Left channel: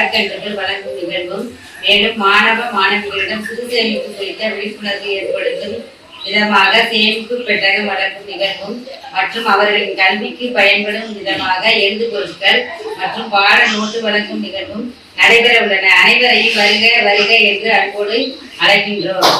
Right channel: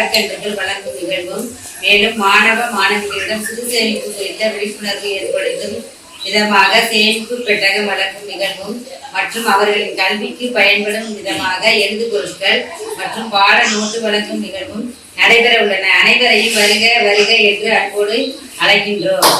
விதமாக மரக்கன்றுகள் வளர்க்கும் நிகழ்வும் மேலும் மாணவ மாணவிகளிடம் சிறு சேமிப்பு குறித்த விழிப்புணர்வு ஏற்படுத்தும் விதமாக சேமிப்பு பெட்டகம் வளர்க்கும் நிகழ்வும் மற்றும் அவர்களின் கல்விக்கு பயன்படும் விதமாக எழுது பொருட்கள் மற்றும் பாட நோட்டு வழங்கும் நிகழ்வும் நடைபெற உள்ளன அனைவரையும் வருக வருக என்று அன்போடு அழைக்கின்றோம்.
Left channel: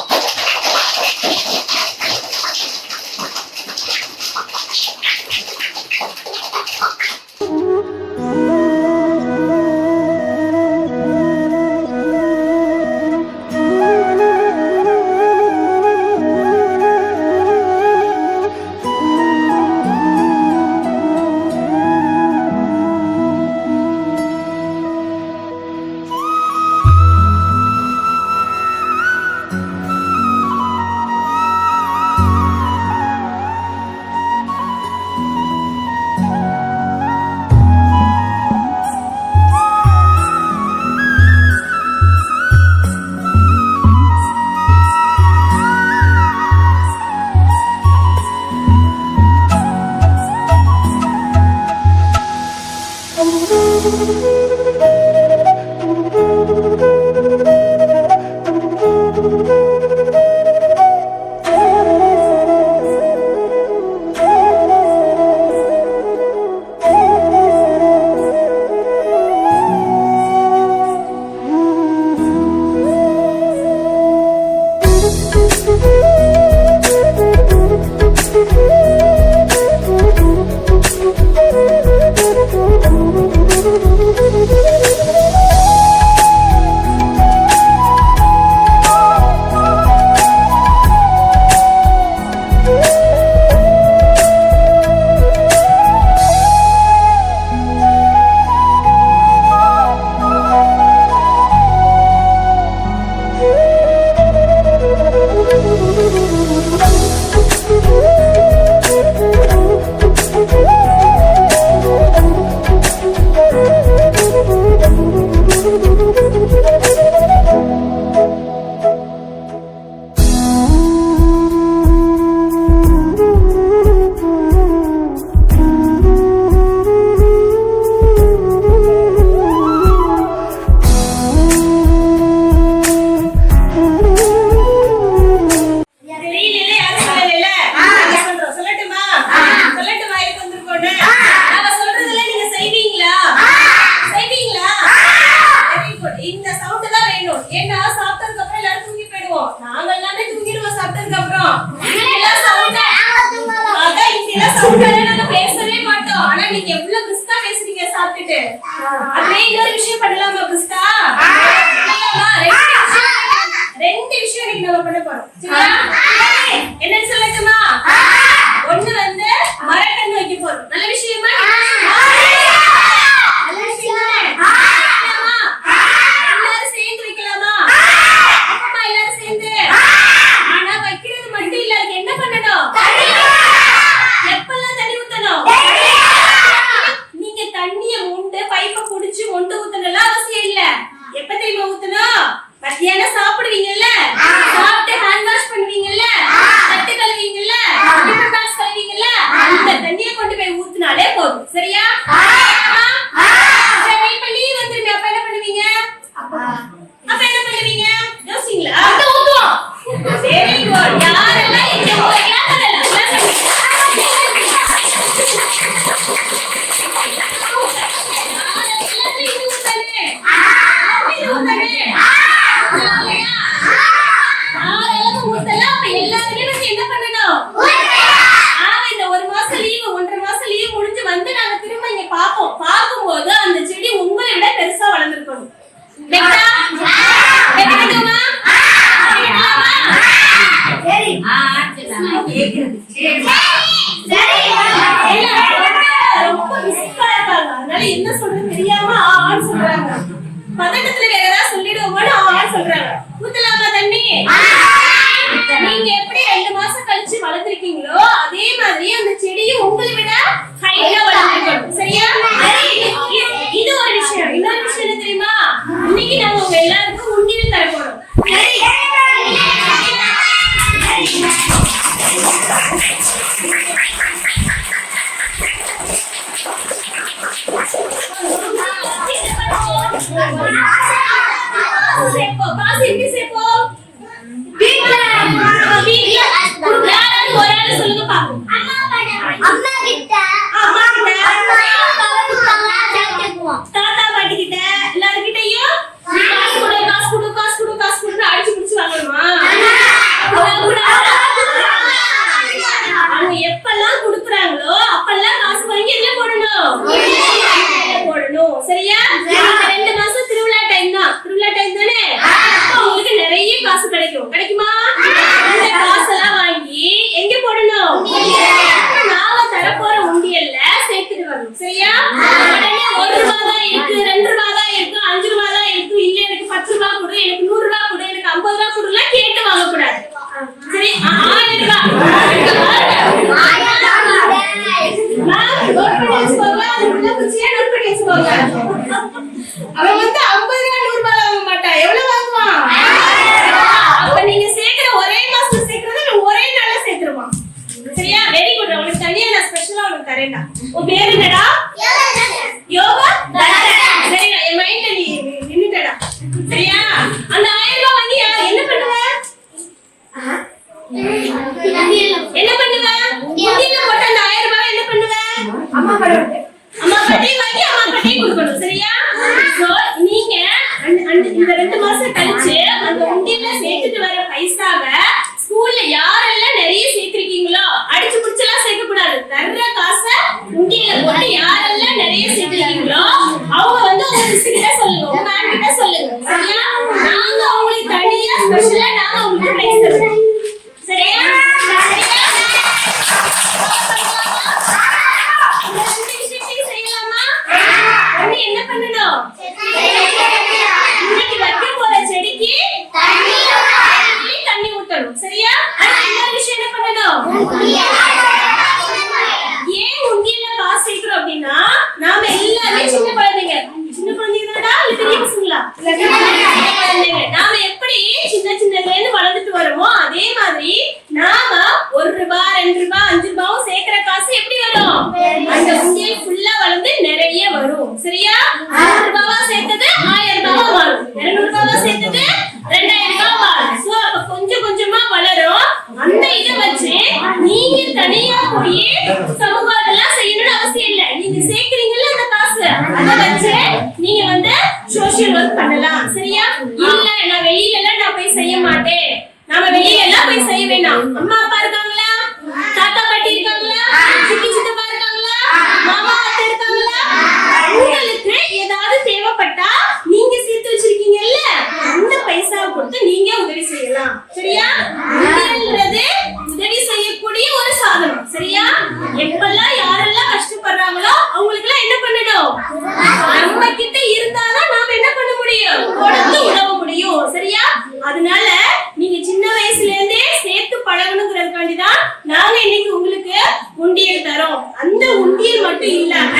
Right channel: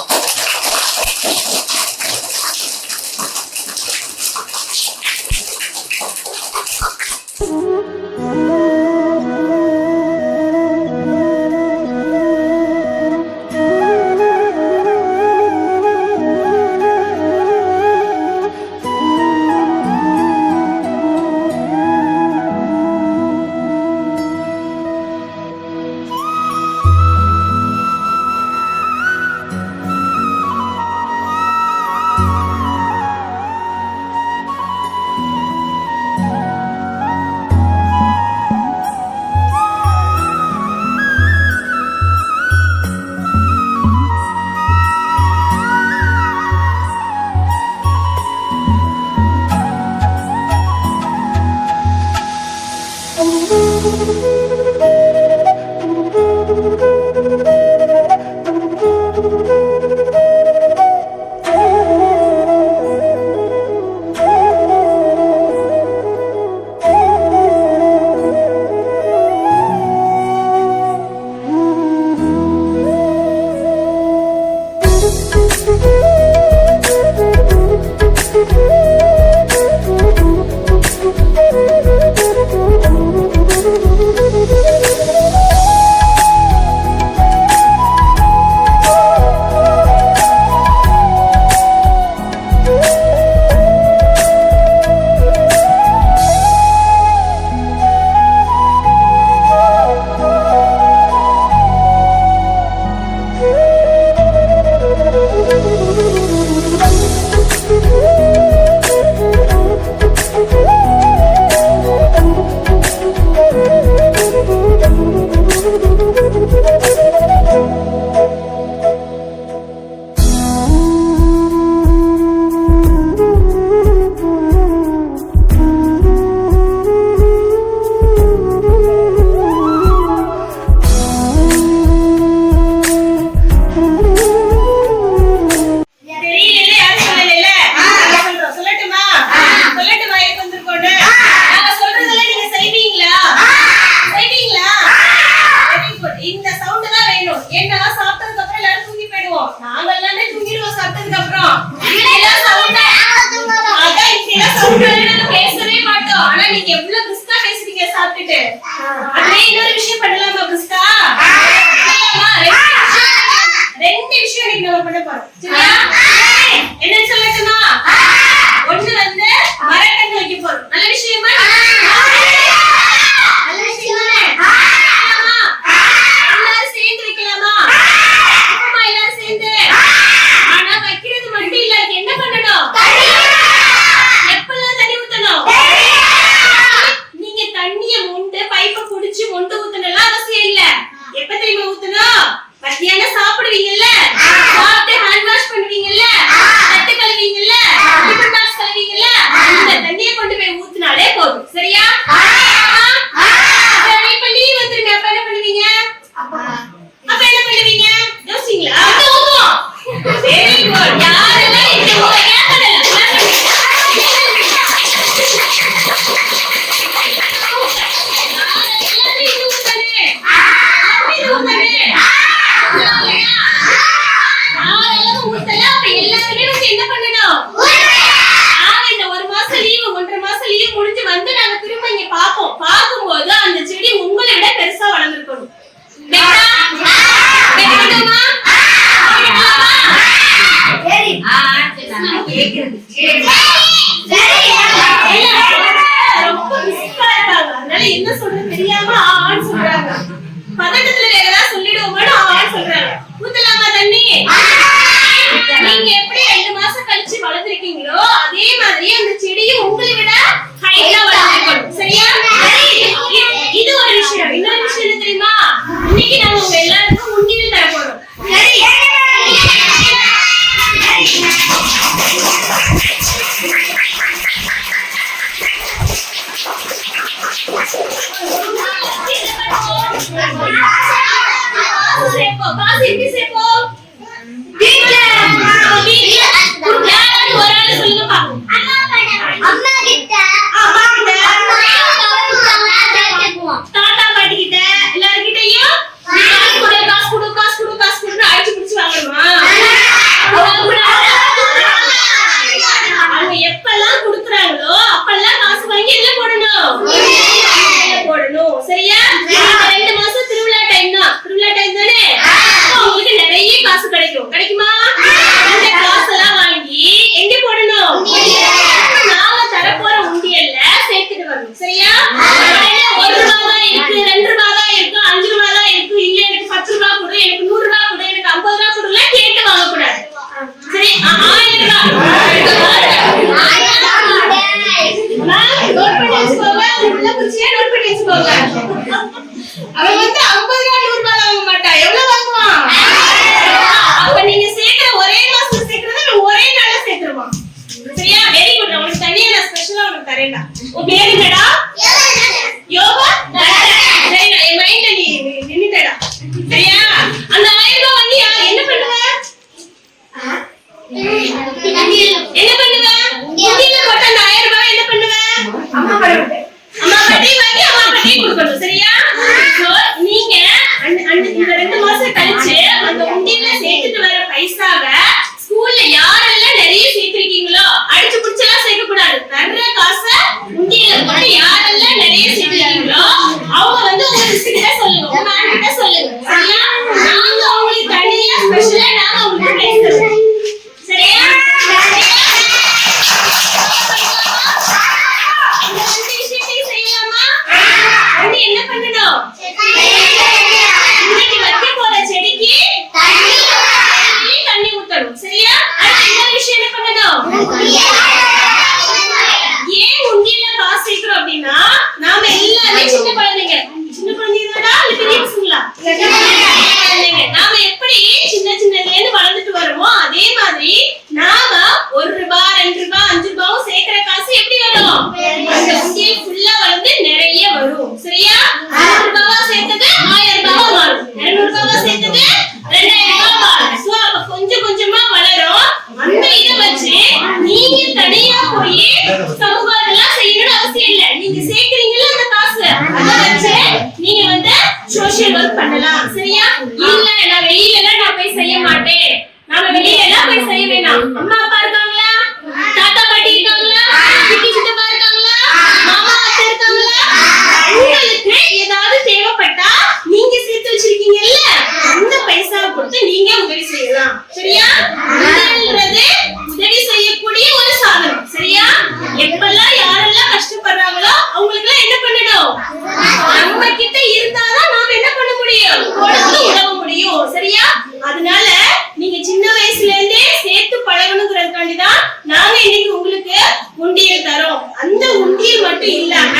நம்ம பண்ண போறோம் சரியா என்ன சொல்லட்டுமா? ஒண்ணு வந்து மரக்கன்று வைக்க போறோம். நல்ல விஷயமா நல்ல விஷயம் தானே வைக்கலாமா? எல்லாரும் சேர்ந்து வைக்கலாமா அப்பமா எல்லாரும் சேர்ந்து ஆனா வைக்கிறது மட்டும் இல்ல அதுக்கு என்ன பண்ணணும் எப்பெல்லாம் தண்ணி ஊத்தணும் நீங்க தண்ணிய மொண்டு பைப்ப புடிச்சு மொண்டு ஊத்தணும் அவசியம் இல்ல எப்ப தெரியுமா ஊத்தணும் மத்தியானம் சாப்பிடுவீங்கல்ல சாப்பிட்டு ஹேண்ட் வாஷ் பண்ணுவீங்கல்ல தட்டு கழுவீங்கல்ல டிஃபன் பாக்ஸ் கழுவீங்கல்ல அந்த தண்ணிய கொண்டு போய் ஊத்துனாலே போதும் சரியா சரி, இப்ப லீவ் வந்துருங்க அப்ப என்ன பண்ணுவீங்க அப்ப என்ன பண்ணுவீங்க யோசிங்களா அது ஊத்துவோம் வெரி குட் யாரெல்லாம் இங்க உங்க கேட்கல பார்க்கும்போது அந்த செடி உங்களை விட பெருசா வளர்ந்துருக்கணும் வைக்கலாமா? வைக்கலாமா? ரொம்ப மிஸ்கா இருக்காங்க. அதனால என்ன சொல்றது தெரியாம ஆன்னு சொல்றாங்க. பதட்டத்துல நீங்க எப்படி ரெண்டு மாசம் கழிச்சு வளர்த்திருக்கீங்களோ, அதே மாதிரி அந்த செடியும் உங்களை விட ஆ வளர்ந்திருக்கணும். சரியா? இது- ஒரு விஷயம் இன்னொரு விஷயம் தெரியுமா இன்னைக்கு நம்ம சரியா? Very good. உங்களுக்கு தனியா நான் ஸ்பெஷலா உங்களுக்கு தரேன்டா. உன் பேரு போய் சமூகம் செய்யணும்னு அவசியம் இல்ல. நீங்க சேர்க்கறீங்கல்ல அந்த காசு. அத வந்து சோஷியல் ஒர்க் பண்ணலாம். சரியா? இல்ல நான் வெளியில எல்லாம் நான் போய் செய்ய மாட்டேன். நாம வெளியில எல்லாம் போய் செய்ய வேணாம். அம்மா எப்பெல்லாம் யாரெல்லாம் கஷ்டப்படுறாங்களோ அவங்களுக்கு என்ன பண்ணணும்? நம்ம கிட்ட இருந்தாதான் நாம என்ன பண்ண முடியும்? கொடுத்து உதவ முடியும். சரியா? அதனால நீங்க சின்ன வயசுல இருந்தே சேர்த்து பழகணுங்கிறதுக்காண்டி தான் நாங்க இன்னைக்கு உங்களுக்கு உண்டியல் தரோம். அந்த உண்டியல் மட்டும் இல்லாம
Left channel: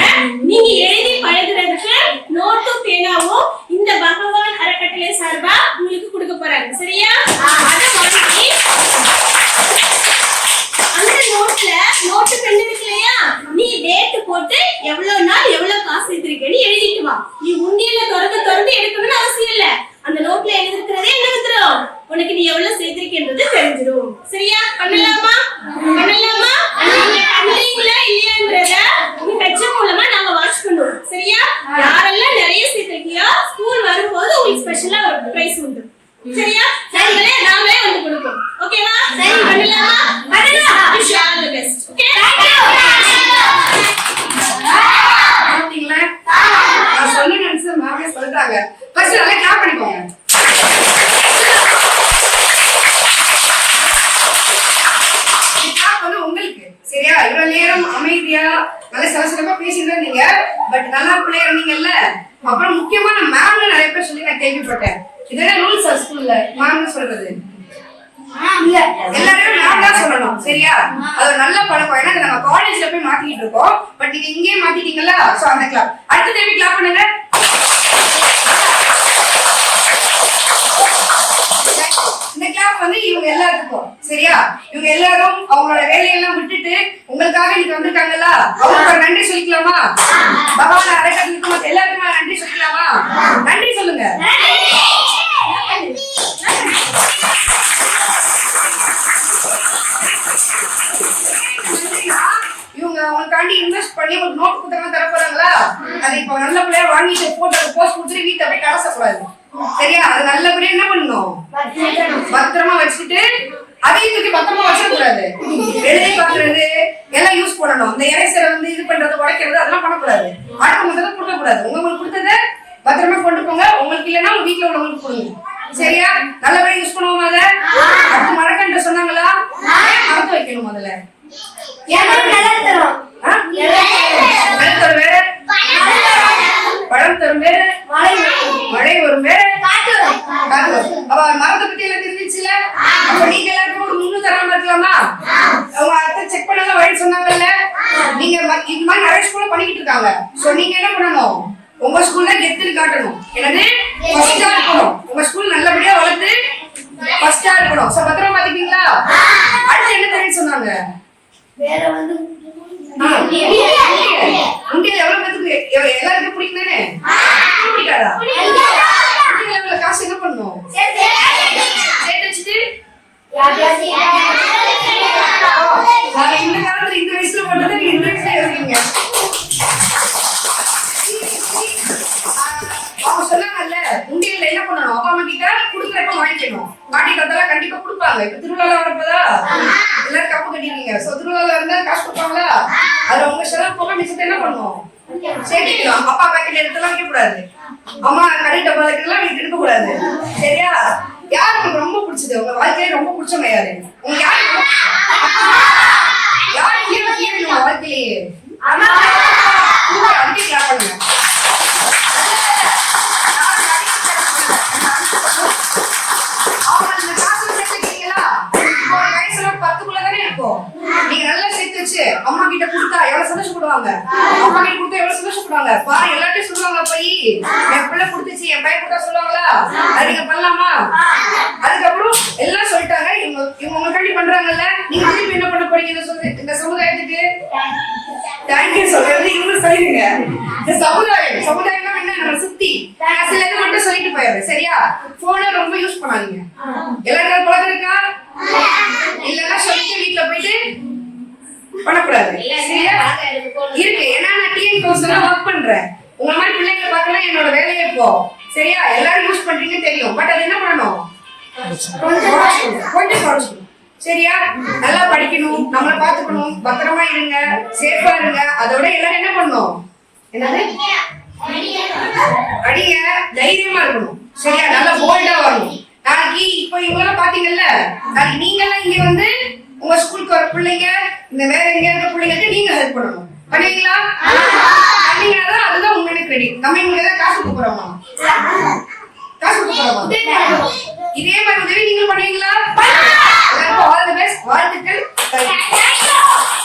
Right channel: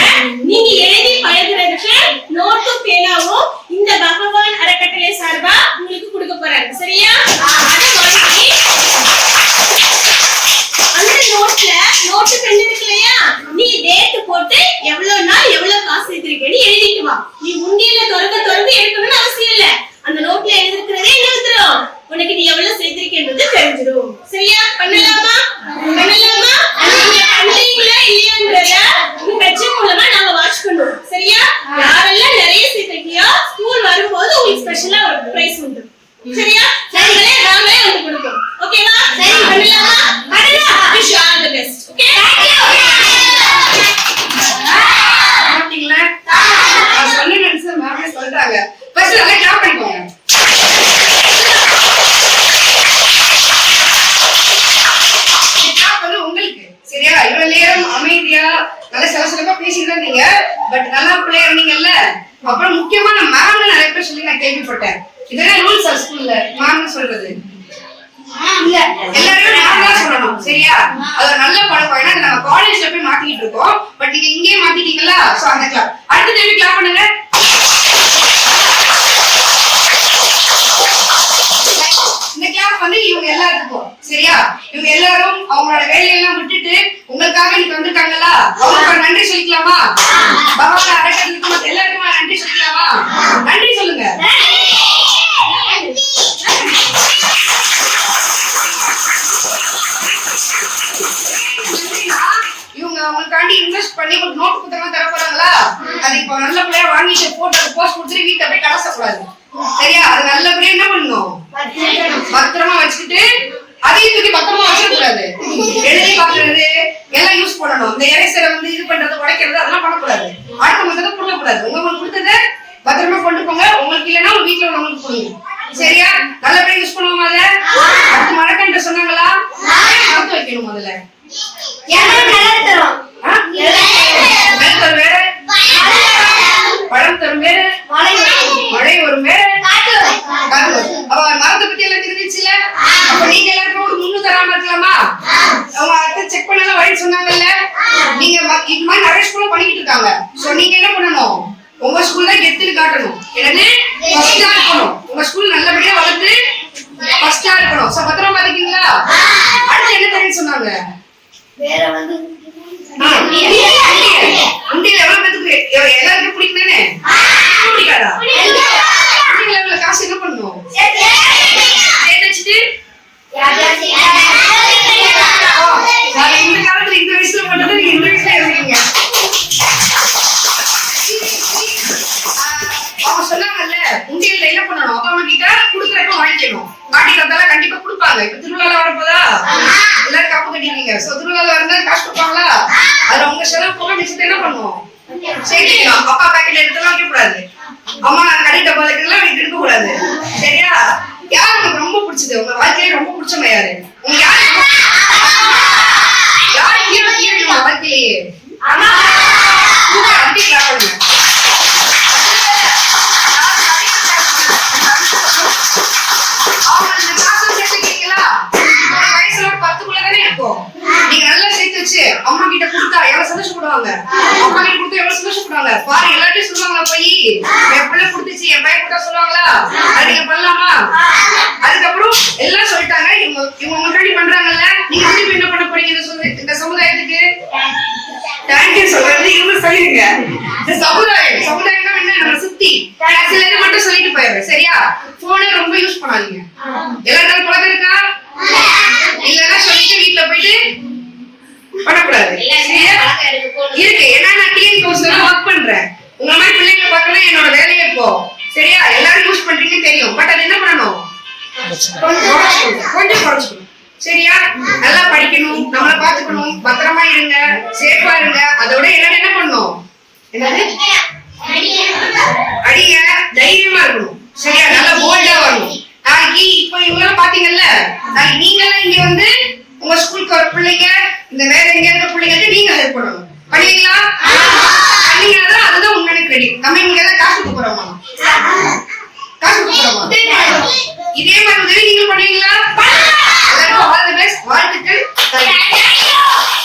நீங்க எழுதி பழகுறதுக்கு நோட் அப்புறம் முக்கியமா நான் மேம் நிறைய பேர் சொல்லி நான் கேள்விப்பட்டேன். இதெல்லாம் ரூல்ஸ் ஸ்கூல்ல மேம் சொல்றது. இல்ல. எல்லாரும் மேம் தான் சொல்லணும் சரியா? அது ஒரு நல்ல பழக்கம். ஏன்னா நாங்க காலேஜ்ல போய் மாத்திக்கிட்டு இருக்கோம். பட் நீங்க இங்கேயே மாத்திட்டீங்களா சோ அந்த கிளாப் அடுத்த தேவி கிளாப் பண்ணுங்க. இவங்க எல்லாத்துக்கும். சரியா? இவங்க எல்லாரும் அவங்களோட வேலையெல்லாம் விட்டுட்டு உங்களுக்காக இன்னைக்கு வந்திருக்காங்கல்ல? அவங்களுக்கு நன்றி சொல்லிக்கலாமா? பகவான் அடைக்கிறதுக்கு எல்லாருக்குமா நன்றி சொல்லிக்கலாமா? நன்றி சொல்லுங்க. இவங்க அவங்களுக்காண்டி இன்வெஸ்ட் பண்ணி ஒரு நோட் புத்தகமா தர போறாங்களா அது இப்போ நல்ல பிள்ளையா வாங்கிட்டு போட்டு போஸ்ட் கொடுத்துட்டு வீட்டை அப்படியே கலசக்கூடாது. சரியா? அது நல்லபடியா என்ன பண்ணணும் பத்திரமா வச்சுக்கிட்டு அதையும் தூக்கி பத்திரமா வச்சிடக்கூடாது எழுதி பாக்குறது எல்லாம் யூஸ் பண்ணணும். இந்த எரேசரை வந்து இது பண்றது உடைக்கிறது அதெல்லாம் பண்ணக்கூடாது. அடுத்தவங்க கொடுக்க கூடாது உங்களுக்கு கொடுத்தத பத்திரமா கொண்டு போங்க. உங்களுக்கு இல்லைன்னா உங்க வீட்டுல உள்ளவங்களுக்கு கொடுங்க. சரியா? நல்லபடியா யூஸ் பண்ணுவோம் அதை? அடுத்து மரக்கன்று சொன்னாங்களா? மறந்து வைக்கணும் முதல்ல. தரும் வேற பழம் தரும் வேற மழை வரும் வேற காத்து அப்ப மரத்தை பத்தி எல்லாம் தெரிஞ்சிச்சுல அப்ப நீங்க எல்லாருக்கும் ஒரு முன்னு தராம இருக்கலாமா? அவங்க அடுத்து செக் பண்ணல வழி சொன்னாங்கல்ல? நீங்க இது மாதிரி நிறைய ஸ்கூல்ல பண்ணிக்கிட்டு இருக்காங்க. சோ நீங்க என்ன பண்ணணும்? உங்க ஸ்கூல் தான் கெத்துன்னு காட்டணும். என்னது? ஃபர்ஸ்டா இருக்கணும். உங்க ஸ்கூல் நல்லபடியா வளர்த்து ஃபர்ஸ்டா இருக்கணும். சோ பத்திரமா பாத்துக்கீங்களா அடுத்து என்ன தெரியும் சொன்னாங்க? உண்டியல் எவ்வளவு பேத்துக்கு எல்லாருக்கும் பிடிக்குதானே சேர்த்துக்கணும் அப்பா பாக்கெட்ல எடுத்துலாம் வைக்க கூடாது அம்மா கடை டப்பா எல்லாம் எடுக்க கூடாது சரியா? யார் உங்களுக்கு ரொம்ப பிடிச்சது? உங்க வாழ்க்கையில ரொம்ப பிடிச்சவங்க யாரு? உங்க யாரு? யார் ஹீரோ ஹீரோயின் உங்க வாழ்க்கையிலேயே? சூப்பர், அடிக்க அவங்க காசு சேர்த்துக்கிறீங்களா? உங்க வயசுல ஒரு இருக்கும். வச்சு அம்மா கிட்ட கொடுத்தா எவ்வளவு சந்தோஷப்படுவாங்க? அம்மா கிட்ட கொடுத்தா எவ்வளவு சந்தோஷப்படுவாங்க? பாரு எல்லாத்தையும் சொல்லுவாங்களா போய்? என் பிள்ளை கொடுத்துச்சு என் பையன் கொடுத்தா சொல்லுவாங்களா? அது நீங்க பண்ணலாமா அதுக்கப்புறம் எல்லாம் சொல்லிட்டாங்க. இவங்க இவங்க முன்னாடி பண்றாங்கல்ல. நீங்க திருப்பி என்ன பண்ண போறீங்க இந்த சொல்லு- இந்த சமுதாயத்துக்கு? தேங்க்யூ சொல்றது இவங்க சொல்லிருங்க இந்த சமுதாயம் சமுதாயம்னா என்ன? நம்ம சுத்தி சில இது மட்டும் சொல்லிட்டு போயிடுறேன். சரியா? போனை ரொம்ப யூஸ் பண்ணாதீங்க. எல்லாரும் குழந்தை இருக்கா? இல்லைன்னா சொல்லிட்டு வீட்டுல போயிட்டு பண்ணக்கூடாது? இருக்கு ஏன்னா நான் டிஎன் கோர்ஸ்ல ஒர்க் பண்றேன். உங்க மாதிரி பிள்ளைங்க பார்க்கணும் என்னோட வேலையே இப்போ. சரியா? எல்லாரும் யூஸ் பண்றீங்கன்னு தெரியும். பட் அது என்ன பண்ணணும்? கொஞ்சம் குறைச்சுக்கணும். கொஞ்சம் குறைச்சுக்கணும் சரியா? நல்லா படிக்கணும். நம்மள பாத்துக்கணும் பத்திரமா இருங்க. சேஃபா இருங்க. அதோட எல்லாரும் என்ன என்னது? அடிங்க. தைரியமா இருக்கணும். சரியா? நல்லா போல்டா வரணும். நாளைக்கு இப்ப இவங்க பாத்தீங்கல்ல நீங்க எல்லாம் இங்க வந்து உங்க ஸ்கூலுக்கு வர பிள்ளைங்க இந்த வேற எங்க இருக்க பிள்ளைங்களுக்கு நீங்க ஹெல்ப் பண்ணணும். பண்ணீங்களா பண்ணீங்கன்னா அதுதான் உண்மையான கிரெடிட் நம்ம இங்க எல்லாம் காசு கொடுக்க காசு கொடுக்க போறோமா? இதே மாதிரி உதவி நீங்க பண்ணுவீங்களா? எல்லாருக்கும் ஆல் தி பெஸ்ட் வாழ்த்துக்கள். Thank.